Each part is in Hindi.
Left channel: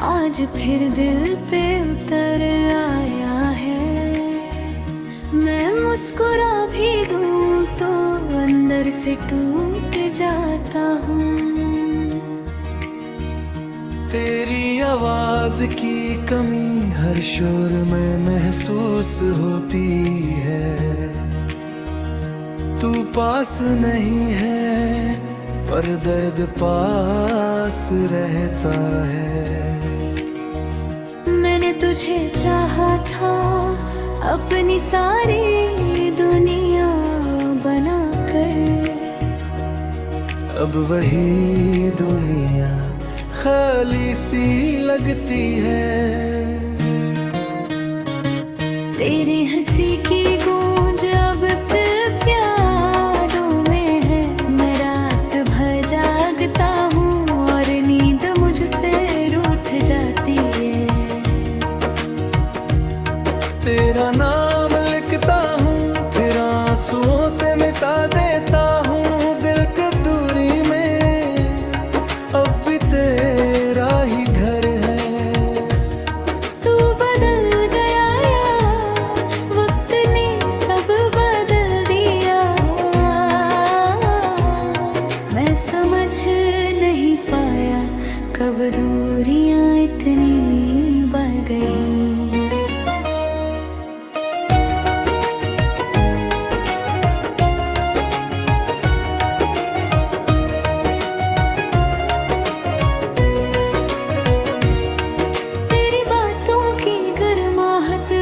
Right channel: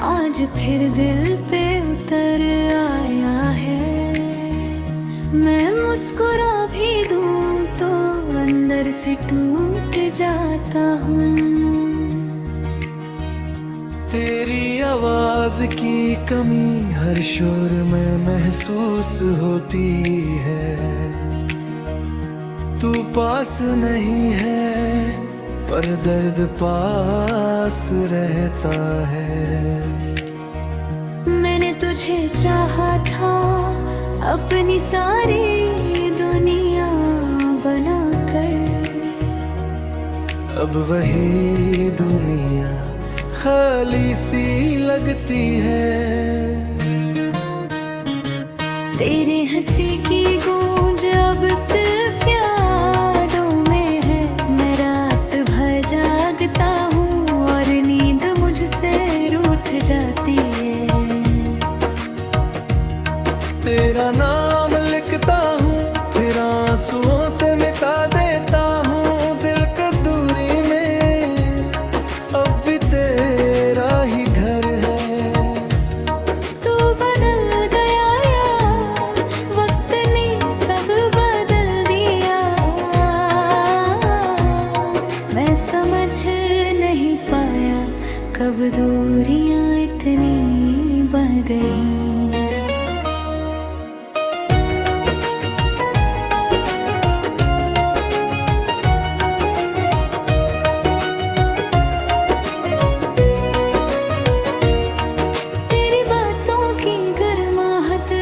आज फिर दिल पे उतर आया है। मैं मुस्कुरा भी दूं तो अंदर से टूट जाता हूँ। तेरी आवाज की कमी हर शोर में महसूस होती है। तू पास नहीं है पर दर्द पास रहता है। मैंने तुझे चाहा था अपनी सारी दुनिया बनाकर, अब वही दुनिया खाली सी लगती है। तेरी हंसी की गूंज अब सिर्फ यादों में है। मैं रात भर जागता हूँ और नींद मुझसे रूठ जाती है। तेरा नाम लिखता हूँ फिर आंसुओं से मिटा देता हूँ। दिल की दूरी में अब भी तेरा ही घर है। तू बदल गया या वक्त ने सब बदल दिया। मैं समझ नहीं पाया कब दूरियां इतनी बढ़ गई।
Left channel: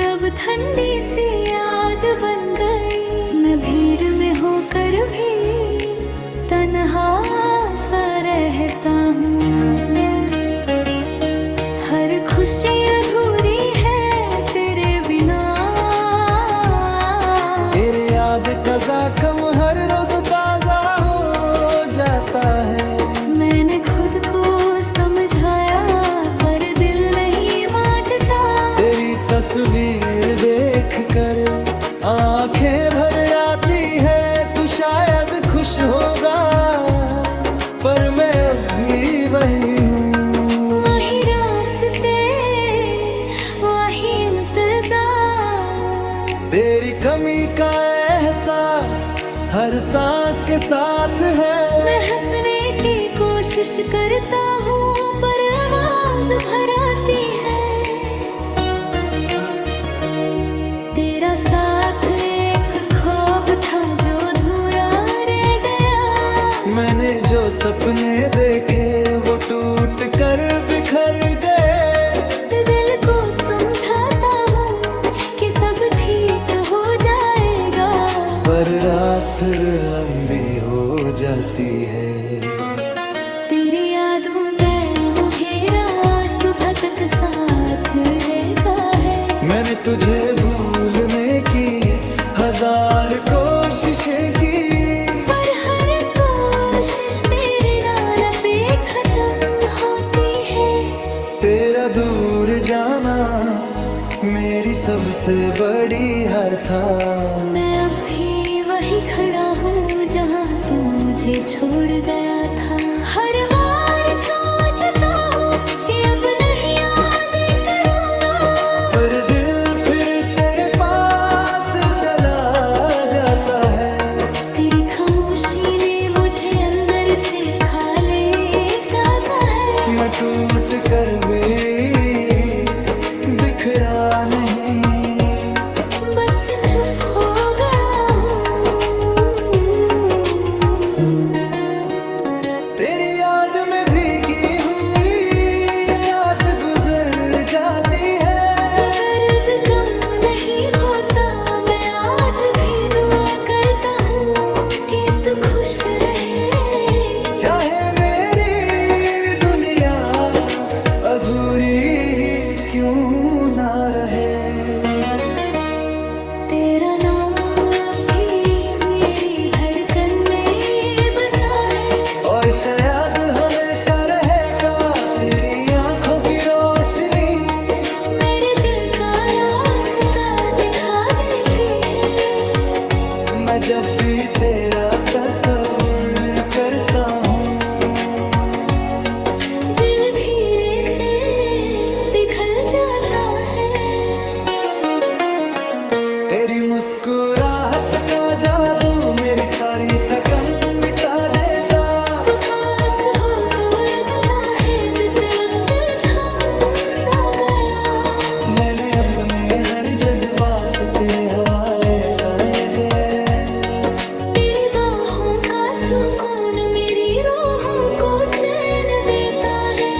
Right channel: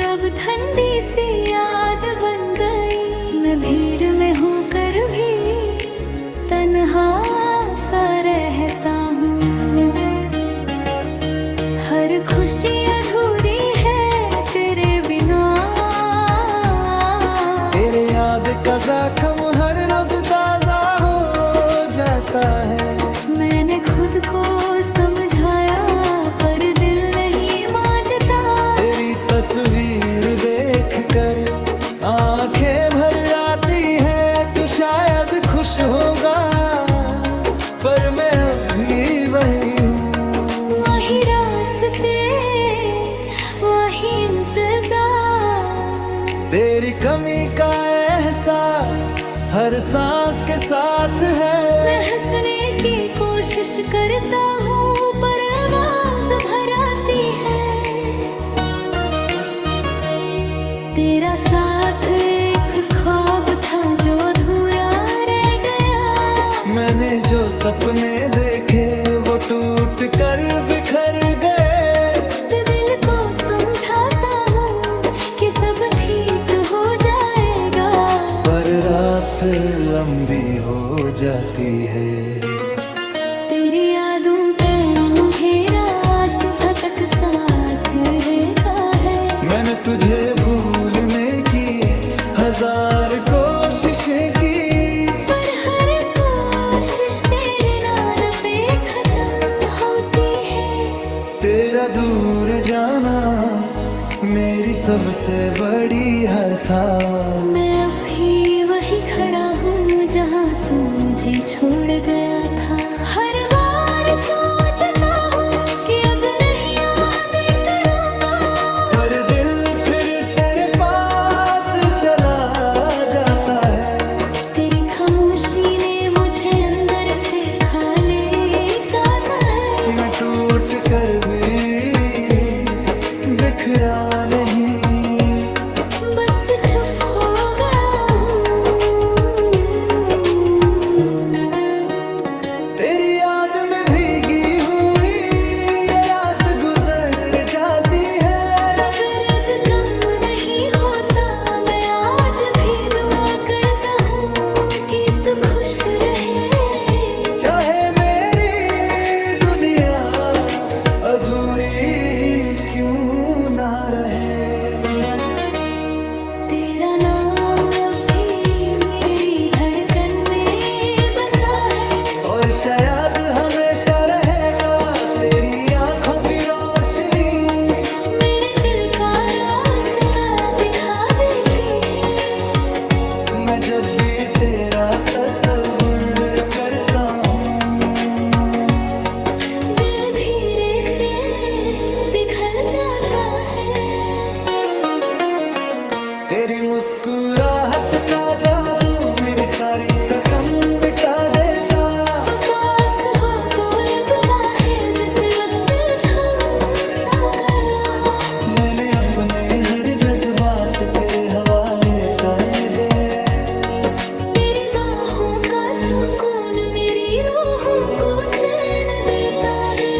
अब ठंडी सी याद बन गई। मैं भीड़ में होकर भी तन्हा सा रहता हूँ। हर खुशी अधूरी है तेरे बिना। तेरे याद का ज़ख्म हर रोज ताजा हो जाता है। मैंने खुद को समझाया पर दिल नहीं मानता। तेरी तस्वीर देख कर आंखें भर आती है। तू शायद खुश होगा पर मैं अब भी वही हूँ। वही रास्ते वही इंतजार। तेरी कमी का एहसास हर सांस के साथ है। मैं हंसने की कोशिश करता हूँ पर आवाज भर आती है। तेरा साथ एक ख्वाब था जो अधूरा रह गया। मैंने जो सपने देखे वो टूट कर बिखर गए। दिल को समझाता हूँ कि सब ठीक हो जाएगा पर रात फिर लंबी हो जाती है। तेरी यादों पे घेरा सुबह तक साथ रहता है। मैंने तुझे भूलने की हजार कोशिशें की पर हर कोशिश तेरे नाम पे खत्म होती है। तेरा दूर जाना मेरी सबसे बड़ी हार था। मैं अब भी वही खड़ा हूँ जहाँ तू मुझे छोड़ गया था। हर बार सोचता हूँ कि अब नहीं याद करूँगा। हर दिल फिर तेरे पास चला जाता है। तेरी खामोशी ने मुझे अंदर से खा लेता है। मैं टूट कर भी बिखरा नहीं बस चुप हो गया हूँ। तेरी याद में भीगी हुई ये रात गुजर जाती है। दर्द कम नहीं होता। मैं आज भी दुआ करता हूँ कि तू खुश रहे। चाहे मेरी दुनिया अधूरी ही क्यों ना रहे। तेरा नाम अभी मेरी धड़कन में बसा है और शायद हमेशा रहेगा तेरी आंखों की रोशनी। मेरे दिल का रास्ता दिखा देती है। मैं जब भी तेरा तस्वुर करता हूँ दिल धीरे से जाता है। तेरी मुस्कुराहट का जादू मेरी सारी थकन मिटा देता। तू पास हो तो लगता है जैसे वक्त थम सा गया। मैंने अपने हर जज्बात तेरे हवाले कर दे। तेरी बाहों का सुकून मेरी रूह को चैन देता है।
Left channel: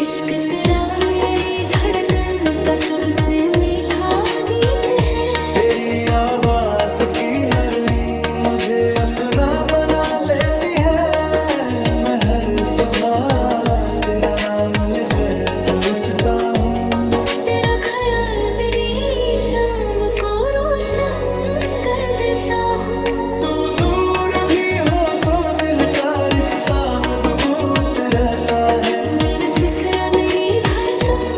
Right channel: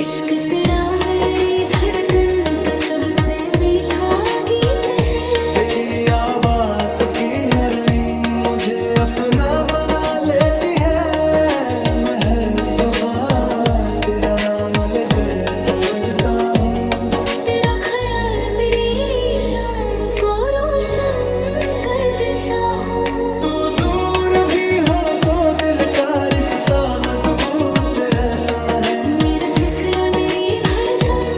इश्क तेरा मेरी धड़कन का सबसे मीठा गीत है। तेरी आवाज की नरमी मुझे अपना बना लेती है। मैं हर सुबह तेरा नाम लेकर उठता हूँ। तेरा ख्याल मेरी शाम को रोशन कर देता हूँ। तू दूर भी हो तो दिल का रिश्ता मजबूत रहता है। मेरा जिक्र मेरी धड़कन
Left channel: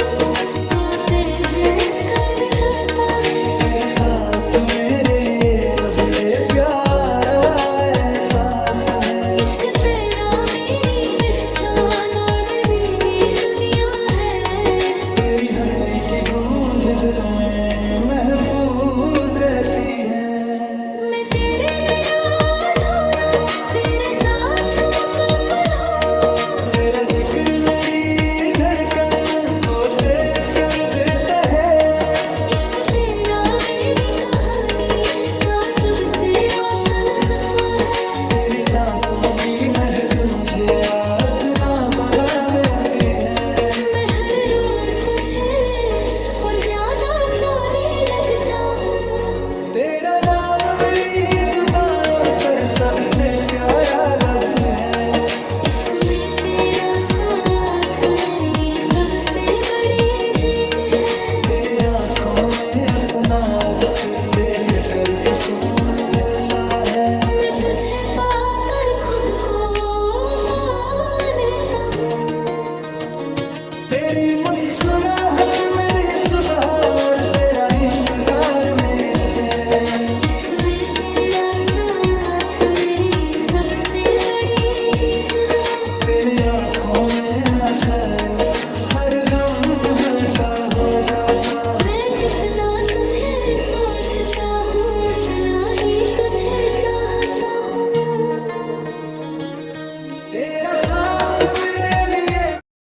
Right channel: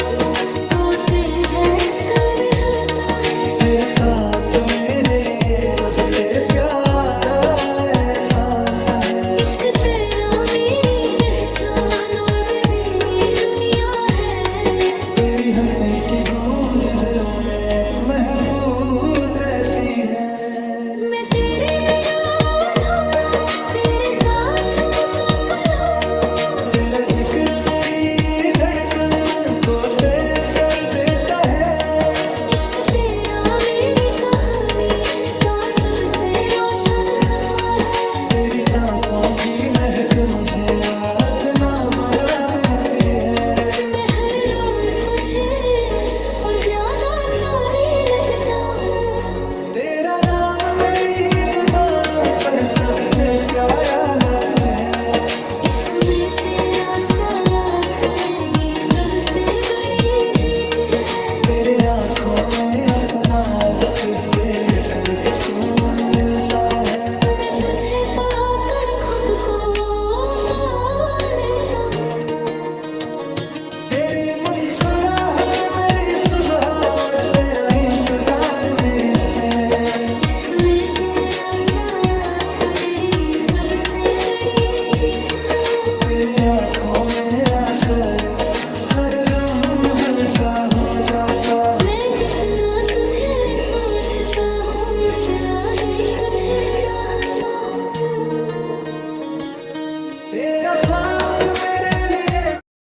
तोड़ते हैं कर जाता है। तेरा साथ मेरे लिए सबसे प्यारा एहसास है। इश्क तेरा मेरी पहचान और मेरी दुनिया है। तेरी हंसी की गूंज दिल में महफूज रहती है। मैं तेरे बिना अधूरा तेरे साथ मुकम्मल हूँ। तेरा जिक्र मेरी धड़कन को तेज कर देता है। इश्क तेरा मेरी कहानी का सबसे रोशन सफा है। तेरी सांसों की महक मुझे आँख ना बना देती है। मैं हर रोज तुझे और ज्यादा चाहने लगता हूँ। तेरा नाम मेरी जुबान पर सबसे प्यारा लफ्ज है। इश्क में तेरा साथ मेरी सबसे बड़ी जीत है। तेरे आँखों में अपना अक्स देख कर सुकून मिलता है। मैं तुझे पाकर खुद को पा लेता हूँ। तेरी मुस्कुराहट मेरी सुबह और तेरा इंतजार मेरी शहर। इश्क में तेरा साथ मेरी सबसे बड़ी जीत है। तेरे आँखों में आकर हर गम हल्का हो जाता। मैं जितना तुझे सोचता हूँ उतना ही तुझे चाहता हूँ। तेरा साथ मेरे